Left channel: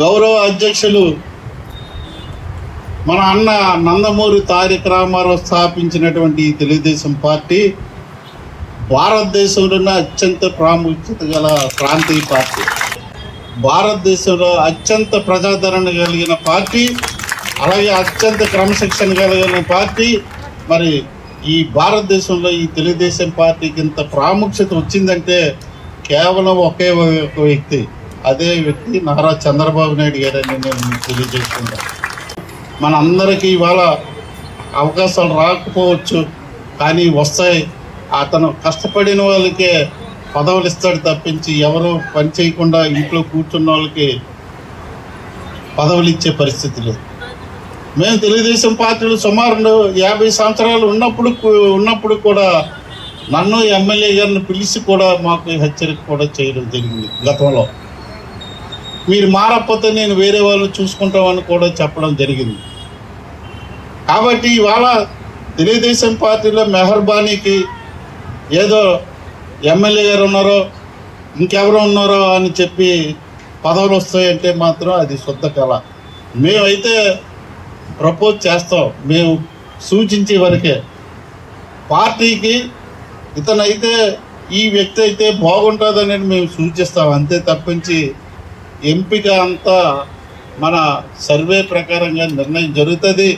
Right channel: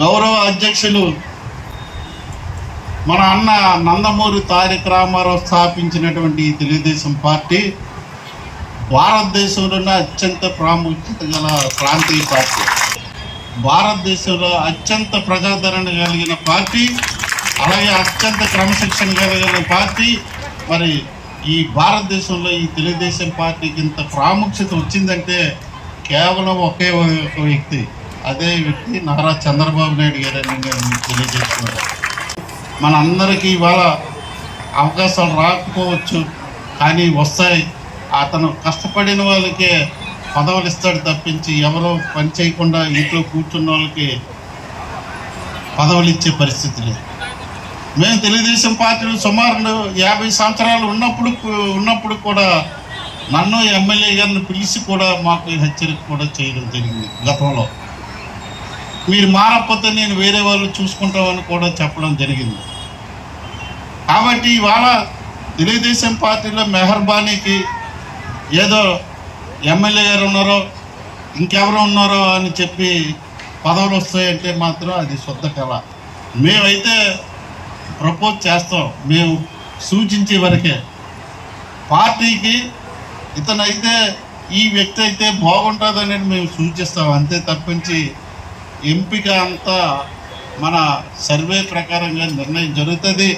గౌరవ అధ్యక్షులు మన అన్న నందమూరి తారక రామారావు స్థాపించినటువంటి తెలుగుదేశం పార్టీ భారతదేశంలోనే అత్యంత ప్రాముఖ్యత గల ప్రాంతీయ పార్టీ, భారతదేశంలో అత్యంత ప్రజాదరణ కలిగిన పార్టీ, అలాగే అత్యంత క్రమశిక్షణ కలిగిన పార్టీ. మరి ఈ భారతదేశంలో ఈ తెలుగుదేశం పార్టీకి ఇంత ప్రాముఖ్యత వచ్చిందంటే కేవలం ఒకే ఒక వ్యక్తి, అదే వ్యక్తి నారా చంద్రబాబు నాయుడు గారని నేను తెలియజేస్తున్నాను. మనందరికీ ఇవాళ అవకాశాలు రాకపోవచ్చు, కానీ వస్తాయి. అతను కష్టపడిన వాళ్ళకే పదవులు ఇస్తాడు తప్పించి ఎవరో పని చేయకుండా ఇంట్లో కూర్చున్న వాళ్ళకి పదవులు ఇచ్చే పరిస్థితి లేదు. మేము తెలుగుదేశం పార్టీలో సుమారు 50 సంవత్సరాలు ఉన్నప్పుడు కూడా నన్ను ఎమ్మెల్యే గారిని పిలిచి కూడా మాకు హెచ్చరిక కూడా చేయడం జరిగింది. గతంలో మీరు మారకపోతే నేను వేరే వాళ్ళు చూసుకుంటామని కూడా చెప్పడం జరిగింది. కాబట్టి ఇవాళ తెలుగుదేశం పార్టీలో మెహర్బానీకి ఏదో ఎమ్మెల్యే గారు ఉన్నారో ఇంకెవరో ఉన్నారో అని చెప్పి పదవులు వస్తాయంటే మాత్రం అది శుద్ధ కళ. మేమైతే ప్రపోజ్ చేస్తాం, మేము సూచించే వరకే. పార్టీకి ఇతనైతే ఈ వ్యక్తి అయితే బాగుంటుందని మేము సూచిస్తాం, అంతే తప్పించి ఎంపిక అంతా మన సర్వే ప్రకారంగా నిర్ణయం జరుగుతుంది.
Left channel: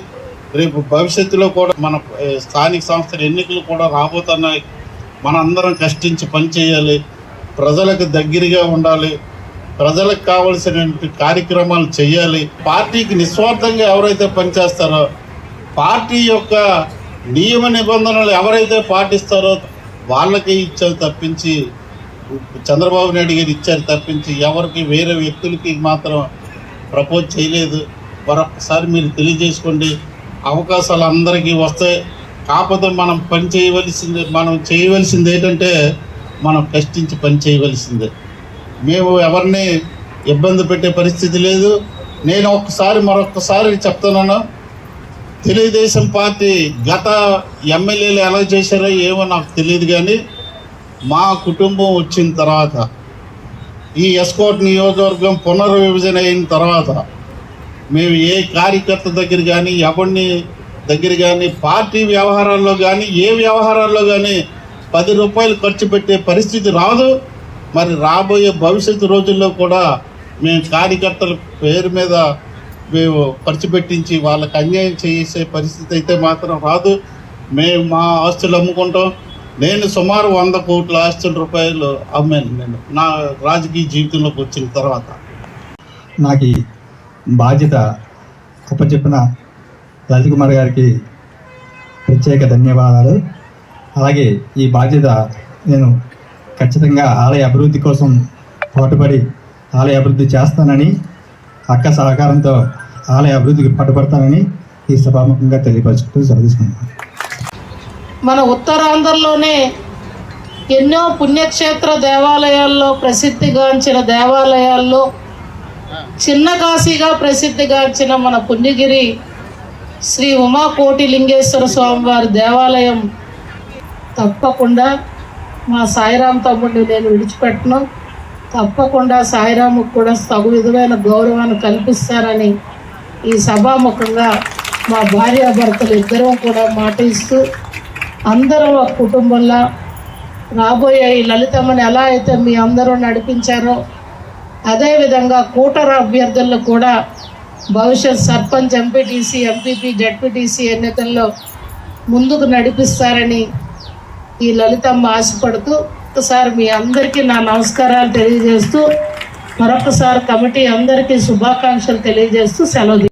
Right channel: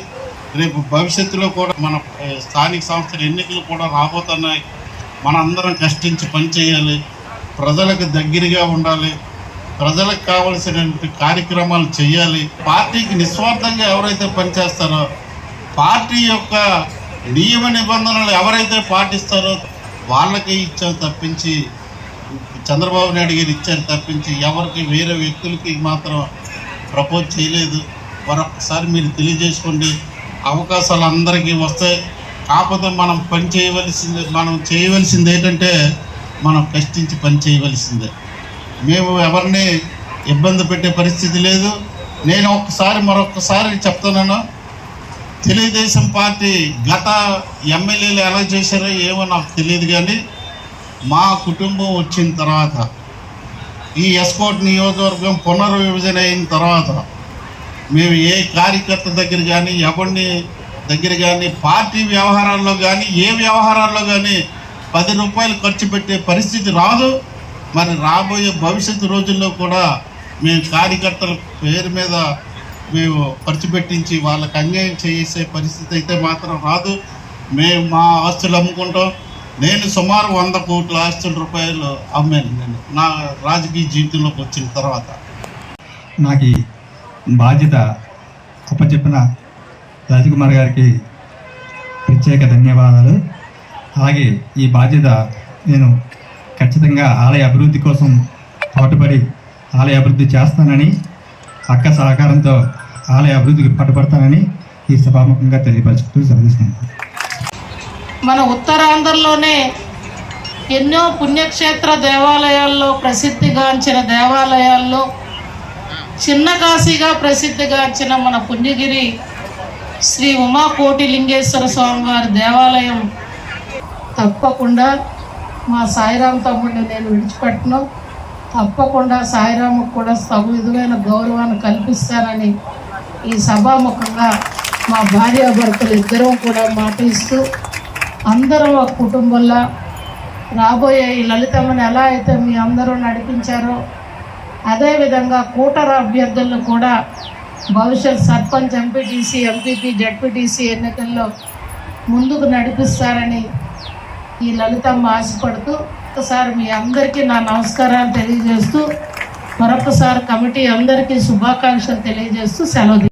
రేపు భవిష్యత్తులో కూడా మన స్థానిక సంస్థల ఎన్నికలు కూడా రాబోతున్నాయి. మనందరం కష్టించి పనిచేయాలి, ప్రజలకు దగ్గరగా ఉండాలి, ప్రజలకు కావలసిన కార్యక్రమాలు చేయాలి. పార్టీకి నిస్వార్థంగా ఎవరైతే పనిచేస్తారో, పార్టీ యొక్క నియమ నిబంధనలు ఎవరైతే పాటిస్తారో వాళ్ళకి ఇచ్చారు తప్పించి, చంద్రబాబు నాయుడు గారు ఇచ్చారు తప్పించి ఎవరికి వేరే వ్యక్తులకి మాత్రం ప్రపోజ్ చేయలేదు. మరొకసారి మీరు తెలియజేసుకోండి. అవకాశాలు అందరికీ వస్తాయి, కాకపోతే మనం చేయవలసింది ఏంటంటే మనం కష్టించి పని చేయవలసిందే. మేము ఎవరిని ఇబ్బంది పెట్టే పరిస్థితి లేదు. నేను మరొకసారి చెప్తున్నాను, తెలుగుదేశం పార్టీ గత ఎమ్మెల్యేలు ఎలా చేశారో ఏమో నాకు తెలియదు, కానీ మా కుటుంబం వచ్చిన తర్వాత, ఈ ఎస్కోట్ నియోజకవర్గం పునర్విభజన అయిన తర్వాత మేము ఏ కార్యకర్త దగ్గర కానీ ఎవరిని దగ్గర కానీ పార్టీ వ్యవహారాల్లో కానీ ఏ వ్యవహారాల్లో కానీ 10 రూపాయలు ఖర్చు పెట్టే పరిస్థితి రాదు. మరి రాబోయే భవిష్యత్తు రోజుల్లో కూడా మేము కార్యకర్తల పేరు మీద మేము ఖర్చు పెట్టించి వాళ్ళకి అన్యాయం చేసే పరిస్థితి అయితే మాత్రం రాదు. మేము మా ఆస్తులు అమ్ముకుంటాం. నేను సుమారు 100 కోట్ల ఆస్తుల రూపాయలు అమ్మాను నేను నా రాజకీయ జీవితంలోకి వచ్చిన తర్వాత. నాకు బాధ్యత చెప్పిన రాజకుమార్ గారికి ప్రత్యేక ధన్యవాదాలు. అలాగే ఈ బాధ్యత నేను ఖచ్చితంగా ఆలయ అభివృద్ధి కోసం పాటుపడి ఆలయ అభివృద్ధి చేస్తానని, అక్క సహకారంతో ఆలయ అభివృద్ధికి పాటుపడతానని ఈ సభాముఖంగా తెలియపరుచుకుంటూ చదివిస్తున్నాను. మన ఉత్తరాంధ్రలోనే ఎన్నో పుణ్యక్షేత్ర దేవాలయాల్లో ప్రసిద్ధిగాంచిన దేవాలయాల్లో చిన్న కాశీగా ప్రసిద్ధిగాంచిన మన పుణ్యగిరి శ్రీ ఉమాకోటి లింగేశ్వర స్వామివారి దేవాలయం తప్పకుండా మా సాయిరాం తమ్ముడిని నేను విడిచిపెట్టను. తప్పకుండా సాయిరాముకు కూడా తగు విధమైన గౌరవాన్ని కల్పిస్తారని ఈ సభాముఖంగా మా భార్యాభర్తలు ఇద్దరూ కూడా మాట ఇస్తూ అందరూ ఒక కుటుంబంలో రాబోయే ఈ లలితమ్మని ఎలా అయితే మీ అందరూ నడిపించారో అదేవిధంగా కూటర అభ్యర్థులను కూడా భవిష్యత్ సర్పంచ్, ఎంపీటీసీ, ఎంపీపీ, జడ్పీటీసీ ఎన్నికల్లో ముందుకు నడిపిస్తారని ఈ లలితమ్మ ఆశపడుతూ ఒకసారి మీ అందరికీ నా నమస్కారాలు తెలియజేస్తూ మరొకసారి కమిటీ అందరికీ శుభాకాంక్షలు తెలియజేస్తూ సెలవు.